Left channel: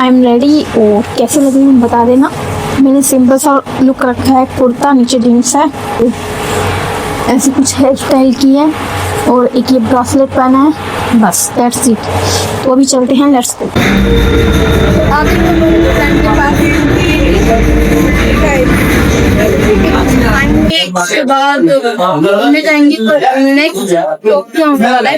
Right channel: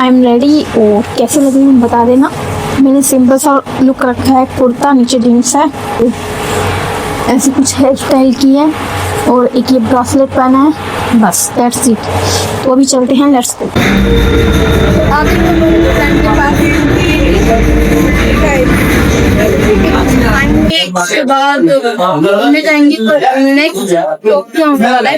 I am ready. और कैसे लगे हम बता देना। मैंने सिंपल सा लुक रखा है, कुर्ता नीचे जीन्स है, ऐसी कुछ हेयर स्टाइल की है और एक ये ब्रासलेट पहना है, बस दैट्स इट। तो अभी चलते हैं, लेट्स गो। उसके बाद घूमने जाएंगे नेक्स्ट टोक्यो वाला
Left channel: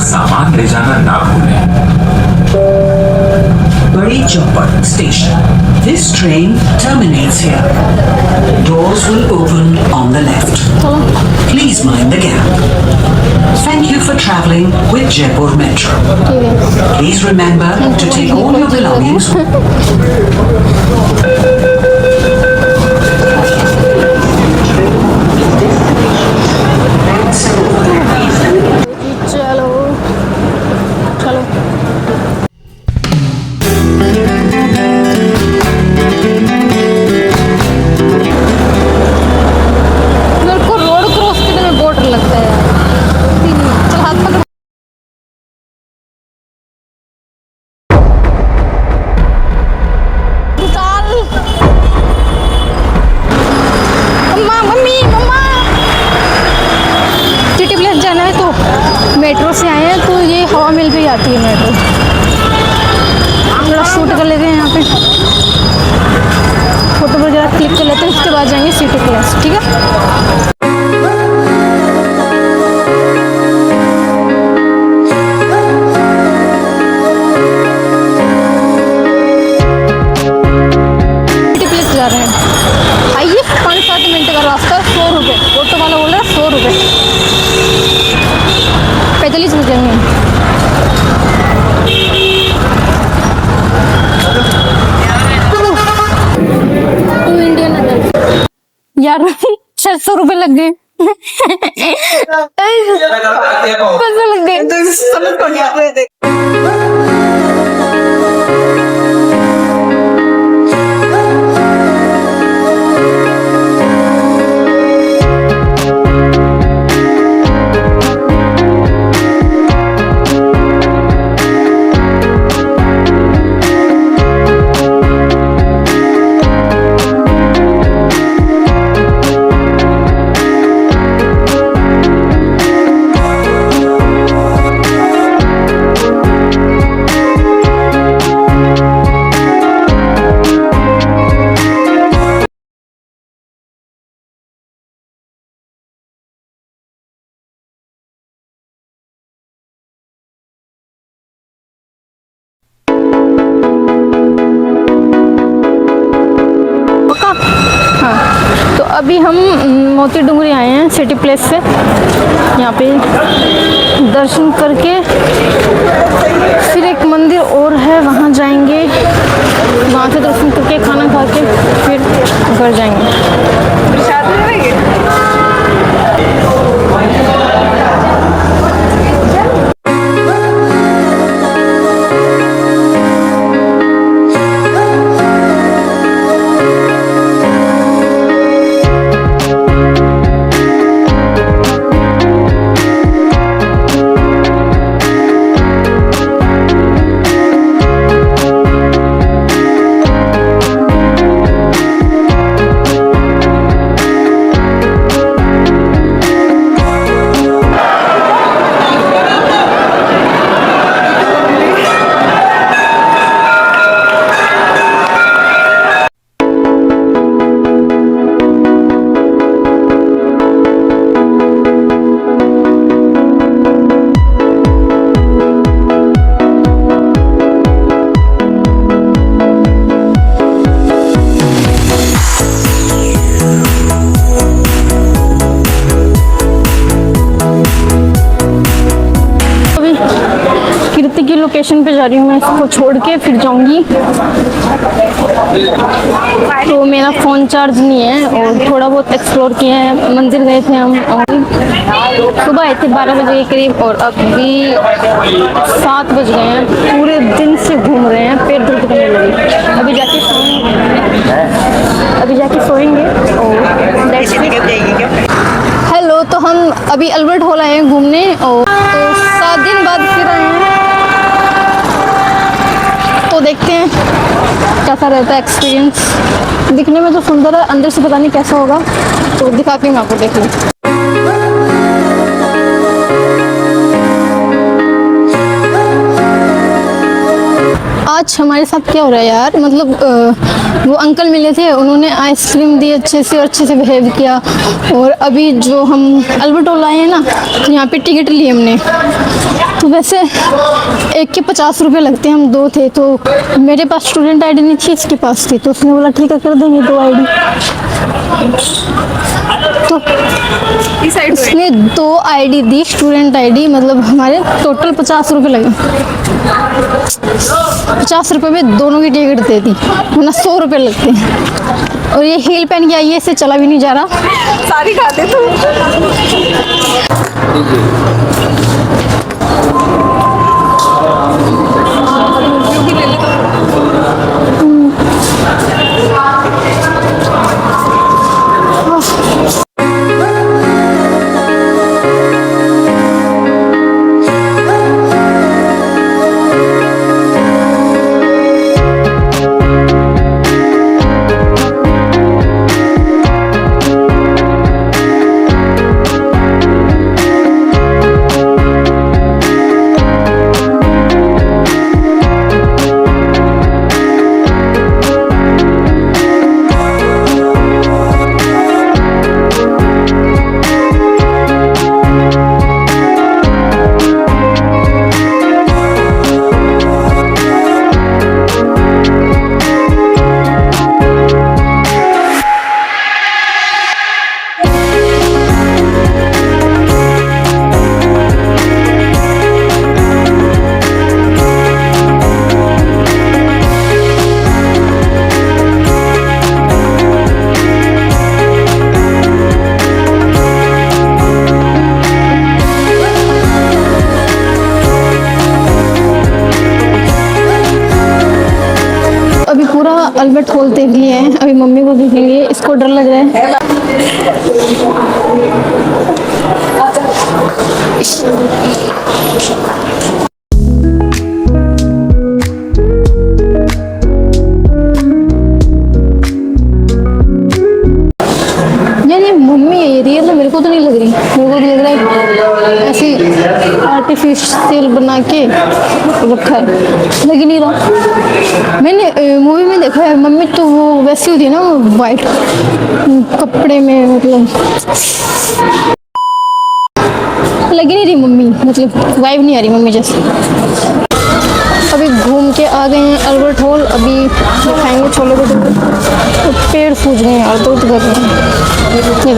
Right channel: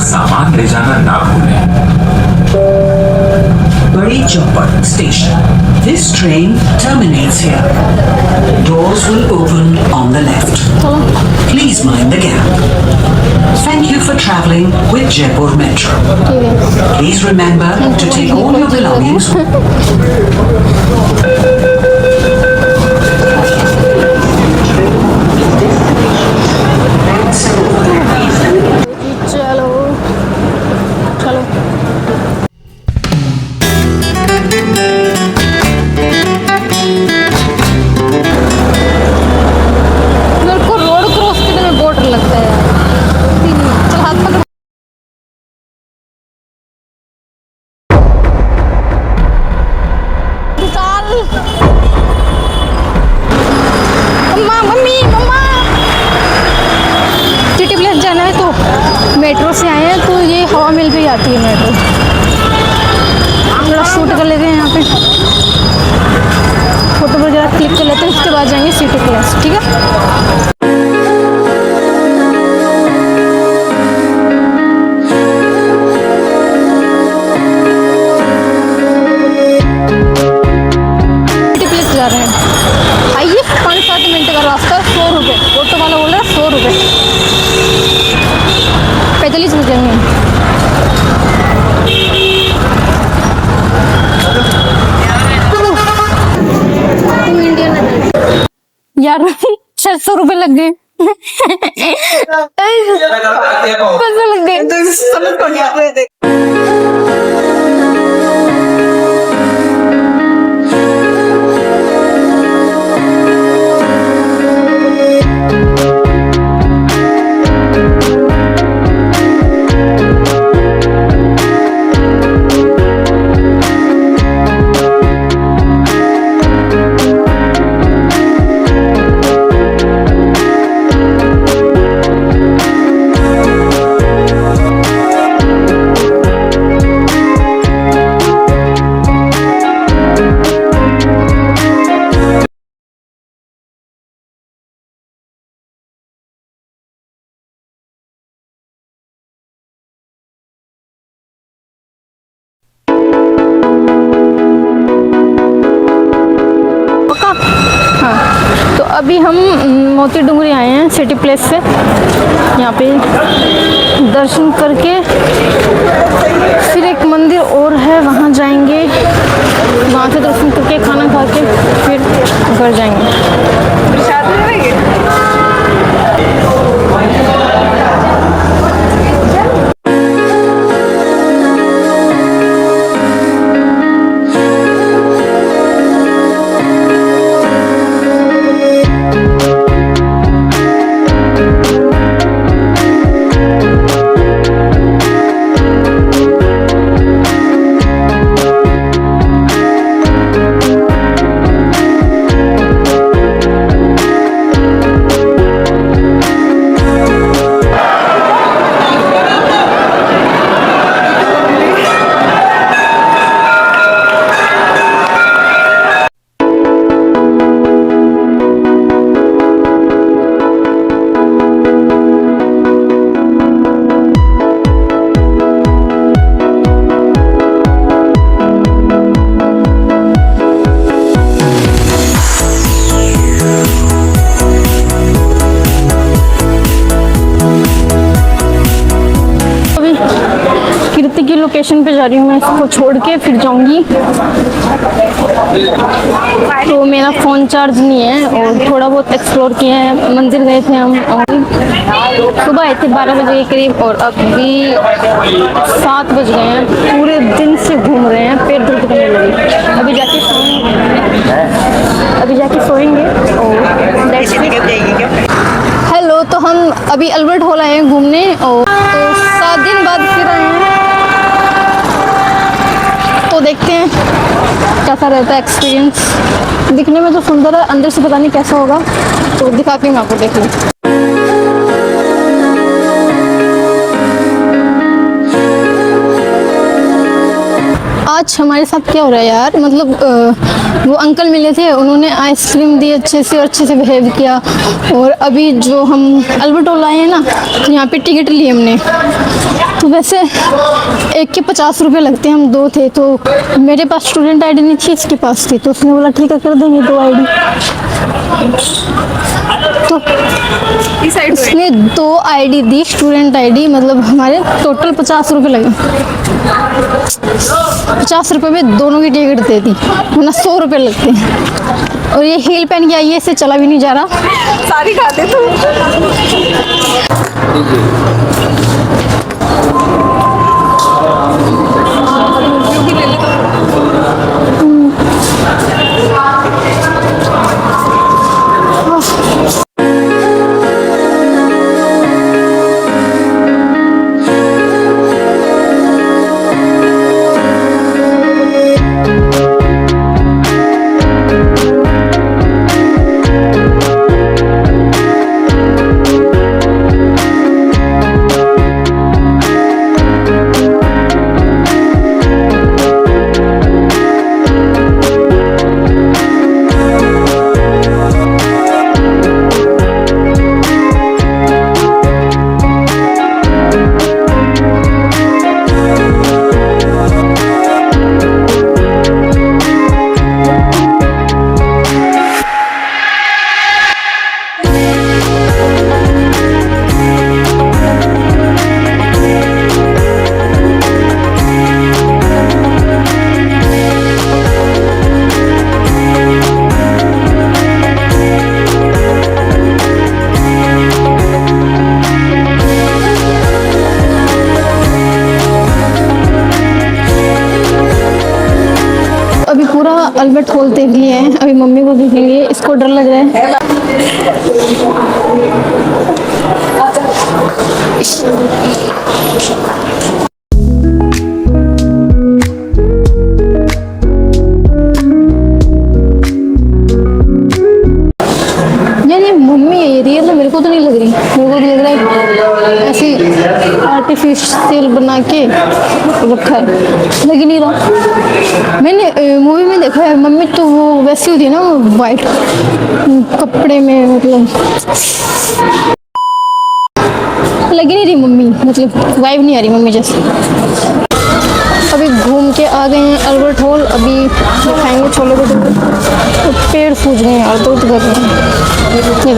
सामान ले जाना ना भूलें। Bari Chowpatty Station. This train terminates here. Doors will open on the left. Please mind the gap. Thank you for traveling with Jaipur Metro. Please remember to take all your belongings. Metro से आए हैं तो ये हवा मिल गई आती है metro. थोड़ा शूट कर लेते हैं यहाँ पे, फोटो वगैरह क्लिक कर लेते हैं, उसके बाद जाएंगे सिटी प्लेस। ठीक है। सिटी प्लेस जा रहे हैं। आइए, 5-7 मिनट का रास्ता, 100 रुपये। ऑटो वाला बोल रहा है 100 रुपये, 45 रुपये में। यार 600 रुपये लग गए। पैसे लग गए। हाँ, तो अभी हम मोती डूंगरी आए हैं सिटी प्लेस से। यहाँ पे दर्शन करके फिर एक मंदिर और है, वहाँ जाएंगे। वहाँ से दर्शन करके खाना खा के फिर घर जाएंगे। लोकेशन पे जा रही हूँ, मैं इसको छोड़ के फिर जाऊंगी। तो मेरा फ़ोन चार्ज नहीं है और थोड़ा बहुत एक्सप्लोर किया है, मंदिर गए थे हम और सुबह आए थे 12 बजे के करीब और अभी 7 बज गए हैं। पूरे दिन से घूम रहे हैं, पेट दर्द करने लगे। अभी जाके सोएंगे और that's it। हेलो, तो हम अभी अल्बर्ट हॉल आए हैं घूमने और तो 7 दिन बाद फिर आए हैं। तो देखते हैं कैसा रहता है एक्सपीरियंस। दिखने में तो सुंदर है, अंदर से पता नहीं कैसा होगा, तो दिखाती हूँ आपको, देख लो। आज हमारे साथ क्या हो रहा है यार, मतलब वो अंकल मिले थे, उन्होंने आइसक्रीम दी अच्छे से और अच्छे से बिहेव किया। और अभी जो हम अल्बर्ट हॉल आए हैं ना, यहाँ पे टिकट ली हमने। तो वैसे एक के 50 रुपये लगते हैं, हम 2 थे तो मेरे पास स्टूडेंट आईडी नहीं थी, इसके पास थी, तो उसने बोला ठीक है कर देंगे 2 आईडी। तो उसने 2 आईडी दी, स्टूडेंट आईडी, मतलब हमारे टोटल 50 रुपये लगे। 50 रुपये में दोनों की टिकट दे दी, वरना 100 रुपये लगते हैं। और ये हील पहन के आई है, इससे चला भी नहीं जा रहा। सारी खाते तो अभी पूरा अल्बर्ट हॉल देख लिए हैं, अभी मम्मी को देखेंगे, इसको डर लग रहा है। यार ये मम्मी है, ये रियल है, मेरे को तो नहीं लग रही, मेरे को तो लग रहा है ऐसे आर्टिफिशियल बना के रखा है, लग ही नहीं रहा। मैंने मूवी में देखा है, मम्मी तो वो वैसी होती है ना, वो वाइट कपड़े में, मतलब लग ही नहीं रही मम्मी, मतलब वाइब नहीं आ रही मम्मी जैसे। अभी घूम के आ गए हैं अल्बर्ट हॉल, अभी खाएंगे छोले भटूरे। तो पेड़ सूज गए हैं और दर्द कर रहे हैं, ये देखिए।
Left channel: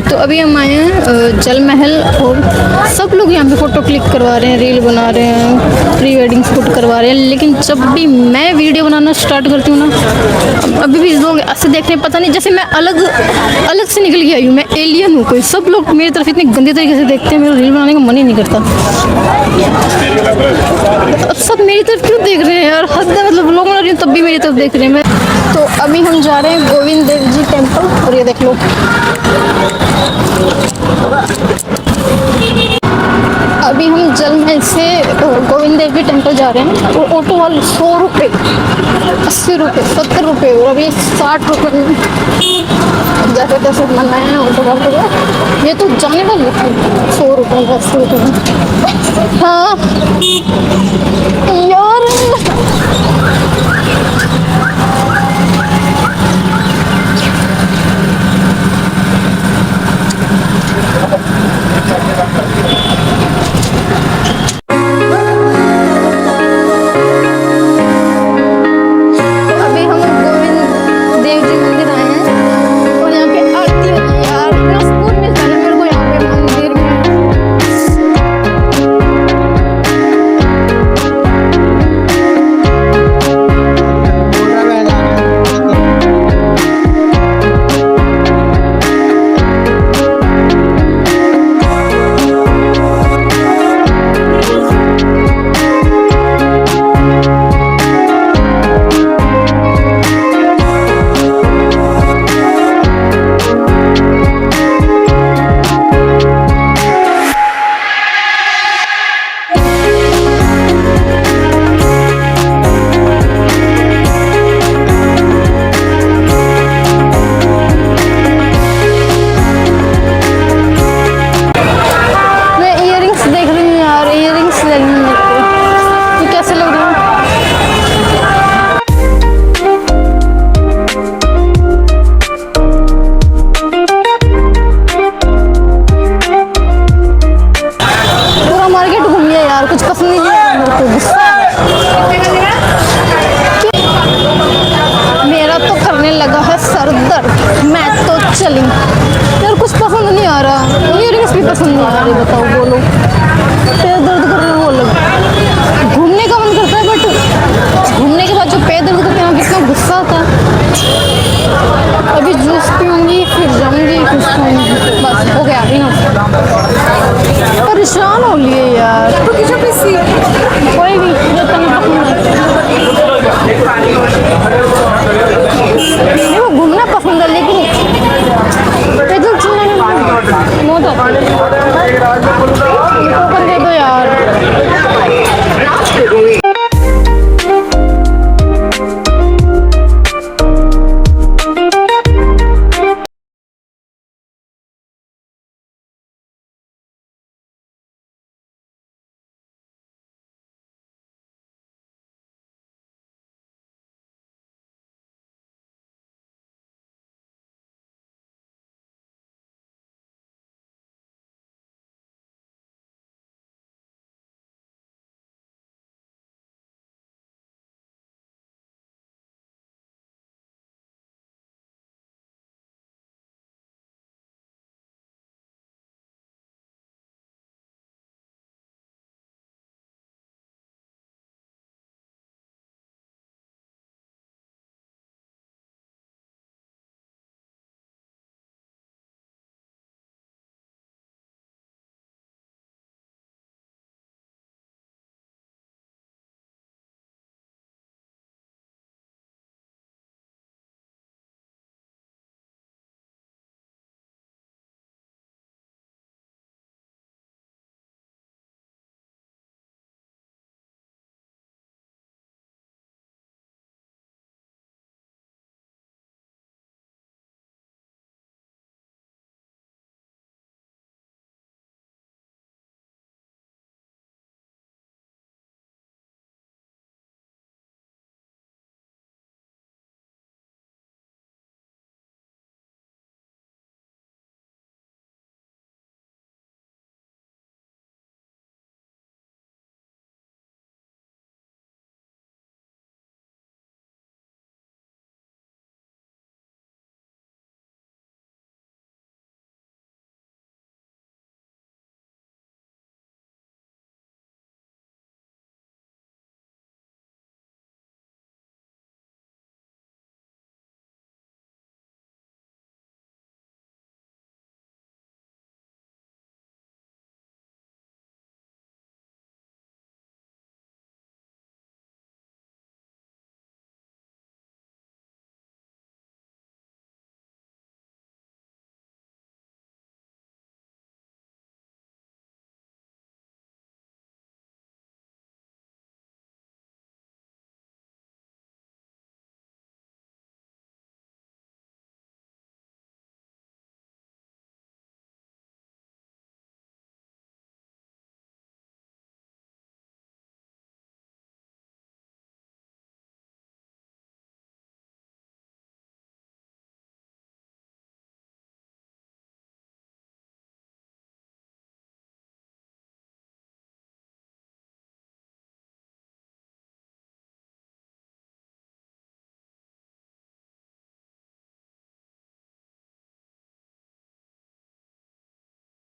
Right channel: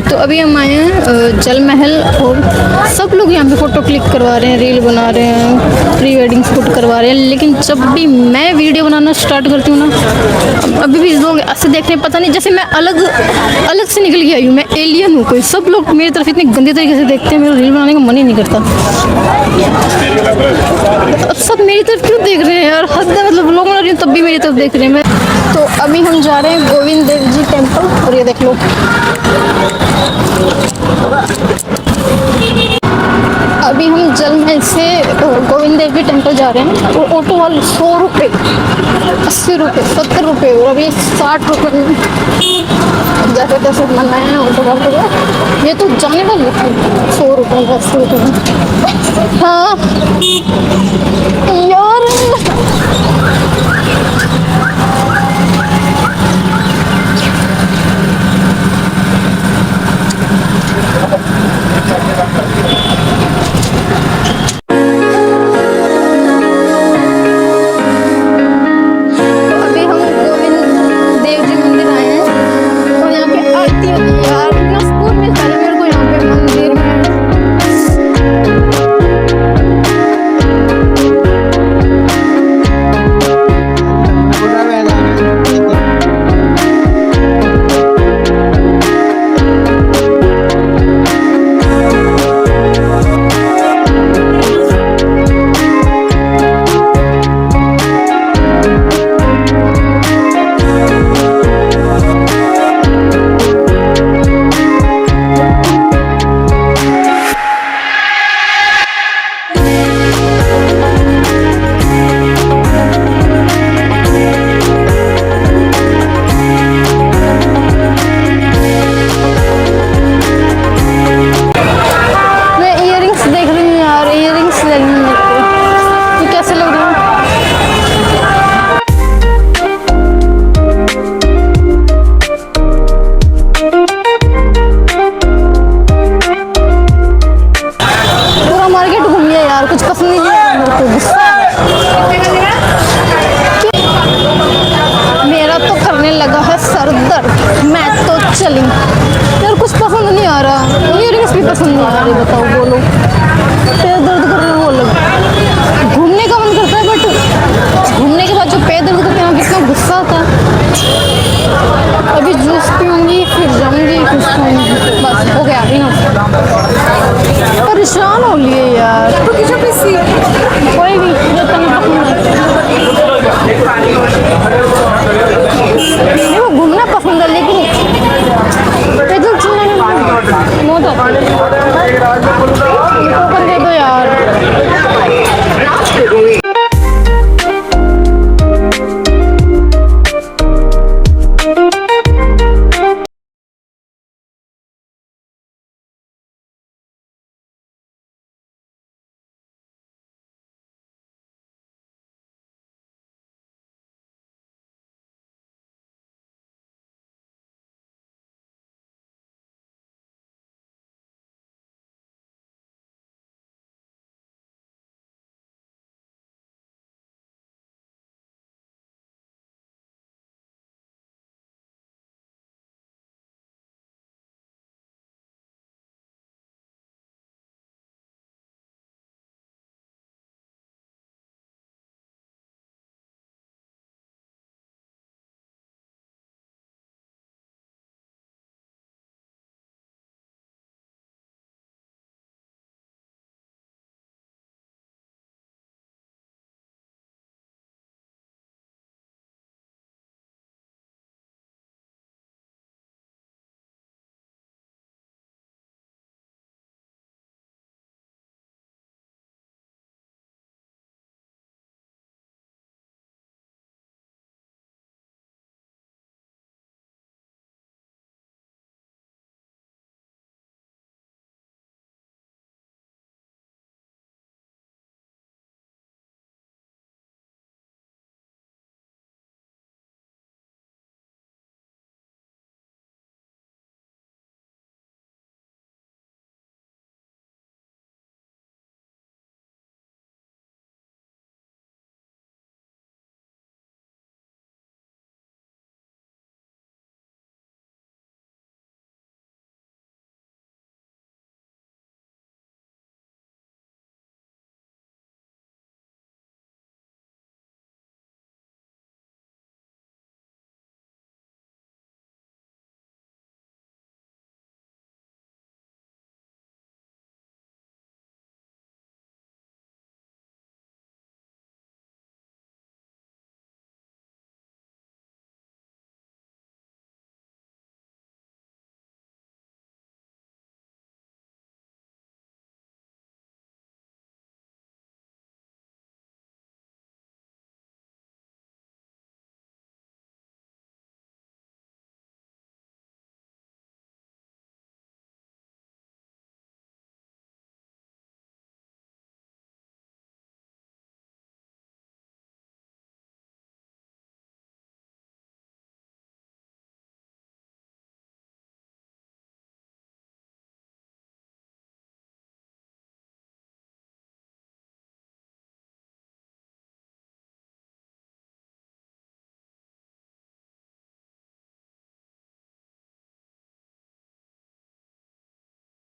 तो अभी हम आए हैं जल महल और सब लोग यहाँ पे फ़ोटो क्लिक करवा रहे हैं, रील बना रहे हैं, प्री वेडिंग शूट करवा रहे हैं। लेकिन जब भी मैं वीडियो बनाना स्टार्ट करती हूँ ना, अभी भी लोग ऐसे देखते हैं, पता नहीं जैसे मैं अलग से निकल के आई हूँ, मैं एलियन हूँ कोई। सब लोग मेरी तरफ इतने गंदे तरीके से देखते हैं, मेरा रील बनाने का मन ही नहीं करता। अब सब मेरी तरफ क्यों देख रहे हैं यार, हद है, मतलब लोग बना रही हूँ तब भी मेरी तरफ देख रहे हैं। मैं तो अभी हम जा रहे हैं गोविंद देव जी टेम्पल, और ये देख लो अभी हम जल महल से गोविंद देवी टेम्पल जा रहे हैं और ऑटो वाले 100 रुपये, 80 रुपये, 70 रुपये और अभी 60 रुपये में जाके दर्शन करना है ऑटो वाले को। ये तो जाने वाले 100 रुपये, 80 रुपये में। हाँ यार अभी हम गोविंद देव जी मंदिर आए हैं और यहाँ पे आरती होती है यार। इतना सुकून मिलता है ना मेरे को यहाँ पे मंदिर में। कुछ पसंद नहीं है मेरे को, गुस्सा मेरा तो करने लगा है सर दर्द। मैं तो चली यार, कुछ पसंद नहीं आ रहा, इयरिंग्स भी पसंद नहीं आ रही। बताओ बोलो, पैर दर्द कर रहे हो लग। घूमने का मन करता है बट घूमने के बाद जो पैर दर्द करते हैं कितना गुस्सा आता है। अभी जूस पीऊंगी फिर जाऊंगी कुछ खाऊंगी, बस हो गया इनफ। परेशान हो लिए यार। तो किसी कोई भी जो तुम्हें मेरे को घूमना पसंद है लेकिन पैदल चलने में मौत आती है।